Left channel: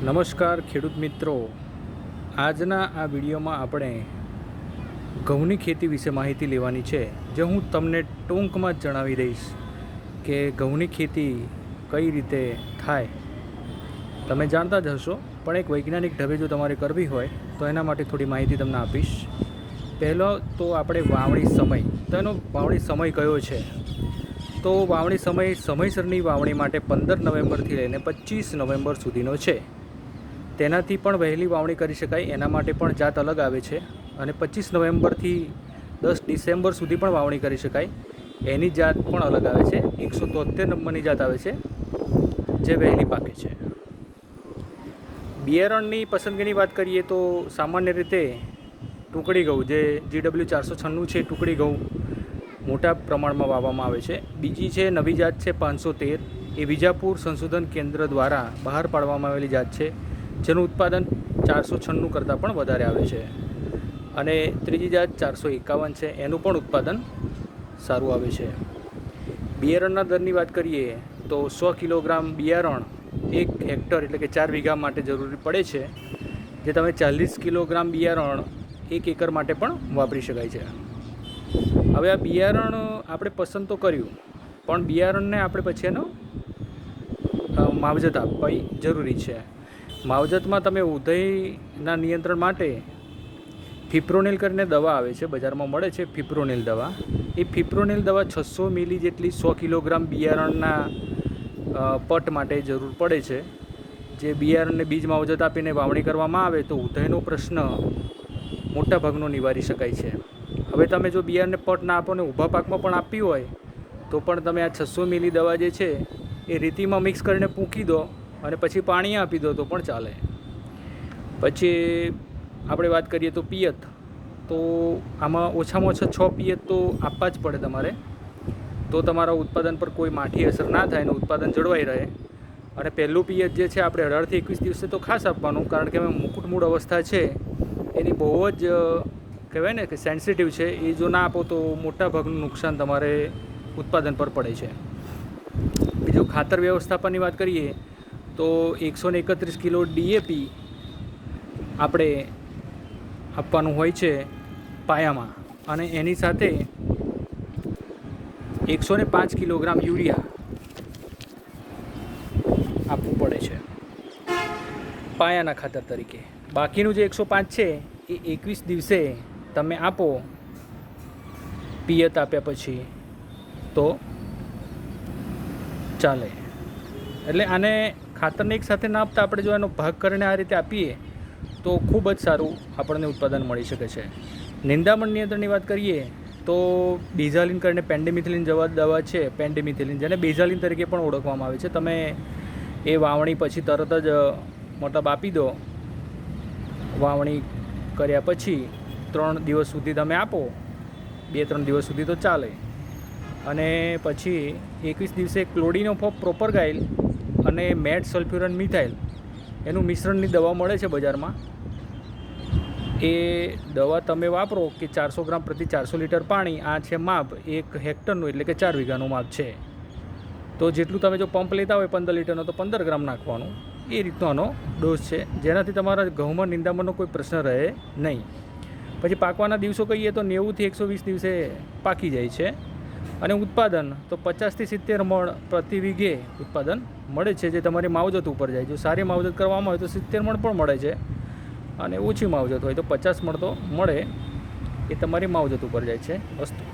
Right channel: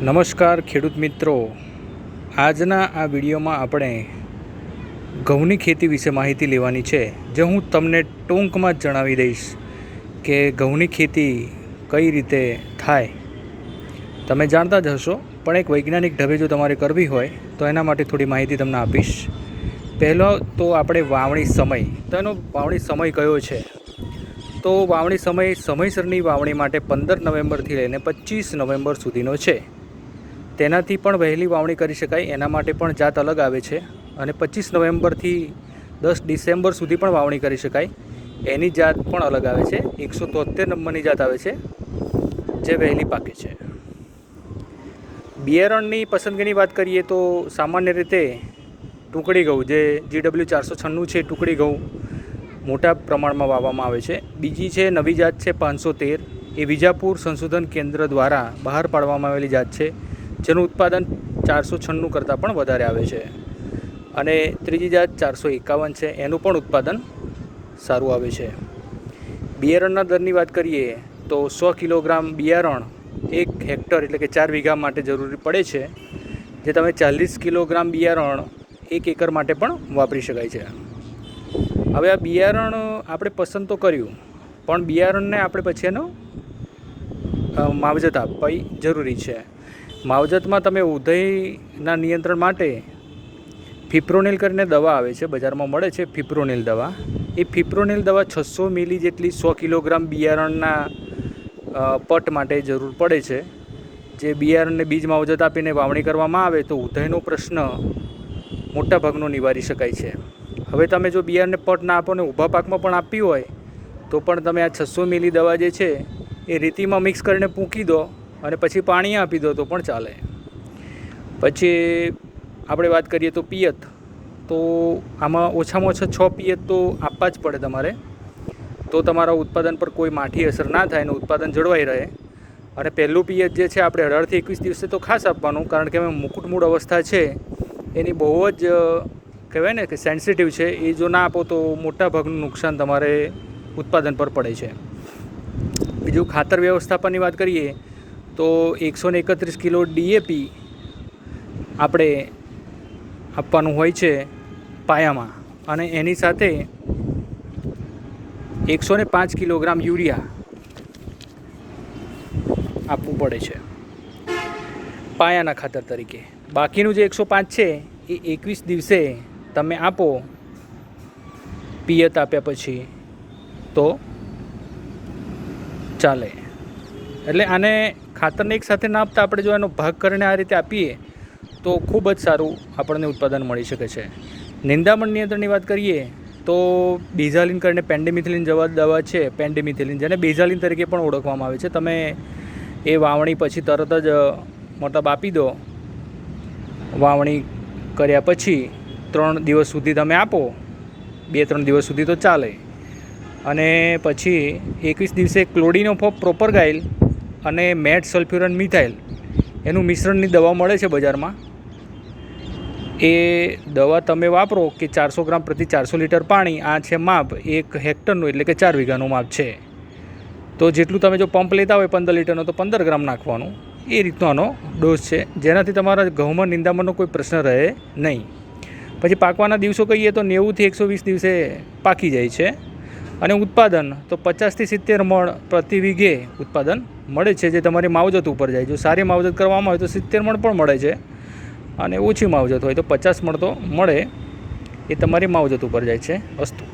નમસ્કાર ખેડૂત મિત્રો, આજના આ વિડીયોમાં આપણે ઘઉંની ખેતી વિશે માહિતી લેવાની છે, જે હું તમને ટૂંકમાં જ જણાવી દઈશ કે ઘઉંની ખેતી કઈ રીતે થાય. તમે જાણતા જ હશો, પણ એક વૈજ્ઞાનિક ઢબે જો તમારે કરવી હોય તો એના માટે થોડી માહિતી તમને આપીશ. પહેલો તો આપણે વાવણી સમય, તો એનો વાવણી સમય કયો છે? તો વાવણી સમય સમયસરની વાવણી માટે 15 નવેમ્બરથી લઈને 25 નવેમ્બર સુધીનો છે. તેનાથી પણ વહેલી વાવણી કરી શકાય, એના માટે પણ જાત અલગ આવે છે. અને 25 નવેમ્બરથી 10 ડિસેમ્બર સુધી પણ વાવણી કરી શકાય, એની જાત પણ અલગ આવે છે. 173 નંબરની જાત આવે છે, જે વહેલી પાકે છે. બિયારણની પસંદગીની વાત કરીએ તો સામાન્ય રીતે ટુકડી ઘઉં, જે GW 496 છે, ટુકડી ઘઉં મોટા પ્રમાણમાં વાવવામાં આવે છે. બીજી છે નવી જાત છે 513, એ વિજાપુર સંશોધન કેન્દ્ર દ્વારા બહાર પાડવામાં આવેલી જાત છે, જેનું ઉત્પાદન 496 કરતાં પણ વધારે આવે છે. અને ત્રીજી જાત 451 છે, એનું પણ ઉત્પાદન સારું આવે છે. બિયારણના દરની વાત કરીએ તો 100 કિલોગ્રામ બિયારણ 1 હેક્ટર એટલે કે 4 વીઘા માટે જરૂરી પડે છે, જે તમે 40 કિલોગ્રામ બિયારણ 1 એકર માટે પણ વાપરી શકાય છે. હવે આ બિયારણ આપણે પસંદ તો કર્યું, પણ બિયારણને આપણે પછી એનો માવજત આપવી જરૂરી છે. માવજતમાં તમે ઉધઈના નિયંત્રણ માટે ફિપ્રોનિલ કરીને દવા આવે છે, બજારમાં મળે છે ફિપ્રોનિલ દવા. એ ફિપ્રોનિલ દવા 600 મિલી જેટલી 100 કિલોગ્રામ બિયારણના પટ માટે જરૂર પડે છે. જે બિયારણને બીજ માવજત આપીને વાવણી કરવામાં આવે તો ઉધઈનો પ્રશ્ન મોટાભાગનો નિવારી શકાય છે. હવે તમે જો બિયારણને પટ ના આપો ને ઊભા પાકમાં પણ આપવી હોય તો પણ તમે આ 600 મિલી દવા જે છે એ રેતીમાં મિક્સ કરીને પૂંકી દો અને પછી પાણી આપી દો તો પણ ચાલે. પછી આપણે વાત કરીએ તો પિયત, તો આમાં ઓછામાં ઓછા 6 પિયત તો આપવા જ પડે તમારે, તો તમારા ઉત્પાદન પર કોઈ માઠી અસર ના થાય અને ઉત્પાદન જળવાઈ રહે. અને પહેલું પિયત જે છે આપણે 18થી 21 દિવસે તો ખાસ આપવાનું, કારણ કે એમાં મુકુટમૂળ અવસ્થા છે એની બહુ જ કહેવાય ને કે સેન્સિટિવ છે. એ જો ના આપો તો મોટાભાગનું નુકસાન તમારે ઉત્પાદન પર પડે છે. બીજું ખાતર વ્યવસ્થાપનની વાત કરીએ તો 131 કિલો DAP આપણે આપવાનું હોય છે પાયામાં, અને એની સાથે 105 કિલોગ્રામ યુરિયા આપવું પડે છે પાયાના ખાતર તરીકે. બાકીનું જે 105 છે એ 21 દિવસે તમે આપો પિયત આપ્યા પછી તો ચાલે. એટલે આને ખાતરને એક સાથે ના આપતા આપણે જો એનો ભાગ કરીને આ રીતે આપીએ તો ખૂબ જ સારું આપણને ઉત્પાદન મળી શકે છે. નિંદામણ નિયંત્રણની વાત કરીએ તો બેઝાલિન કરીને પેન્ડિમિથિલિન દવા છે, પેન્ડિમિથિલિન, જેને બેઝાલિન તરીકે પણ ઓળખવામાં આવે છે. તમે એ વાવણી પછી તરત જ મતલબ આપી દો. વાવણી કર્યા પછી 3 દિવસ સુધી તમે આપો, 2-3 દિવસ સુધી તો ચાલે. અને પછી 21 દિવસે ક્લોડિનોફોપ પ્રોપરગાઇલ અને મેટ સલ્ફ્યુરન મિથાઇલ એનું મિશ્રણની દવા મળે છે બજારમાં. એ દવા તમે વાપરો કે 400 ગ્રામ પ્રતિ 400 લીટર પાણી, આ છે માપ 1 હેક્ટરનું એટલે કે 4 વીઘાનું માપ છે. તો જેટલું તમે જો પંપ લેતા હોય 15 લીટરનો તો 15 ગ્રામ નાખવાનું. એ રીતનો આનો ડોઝ છે, જેનાથી તમારા ઘઉંમાં નિંદામણનો કોઈ પ્રશ્ન રહે નહીં. પછી પાકવાના દિવસો કહીએ તો 90થી 120 દિવસે પાકી જાય છે. અને ઉત્પાદન તો 50થી 70 મણ પ્રતિ વીઘે ઉત્પાદન મળે છે, જે તમારી માવજત ઉપર જાય. જો સારી માવજત કરવામાં હોય તો 70 મણ પણ મળે છે, અને ઓછી માવજત હોય તો 50 મણ તો મળે. એ તમારી માવજત ઉપર જાય છે. અસ્તુ.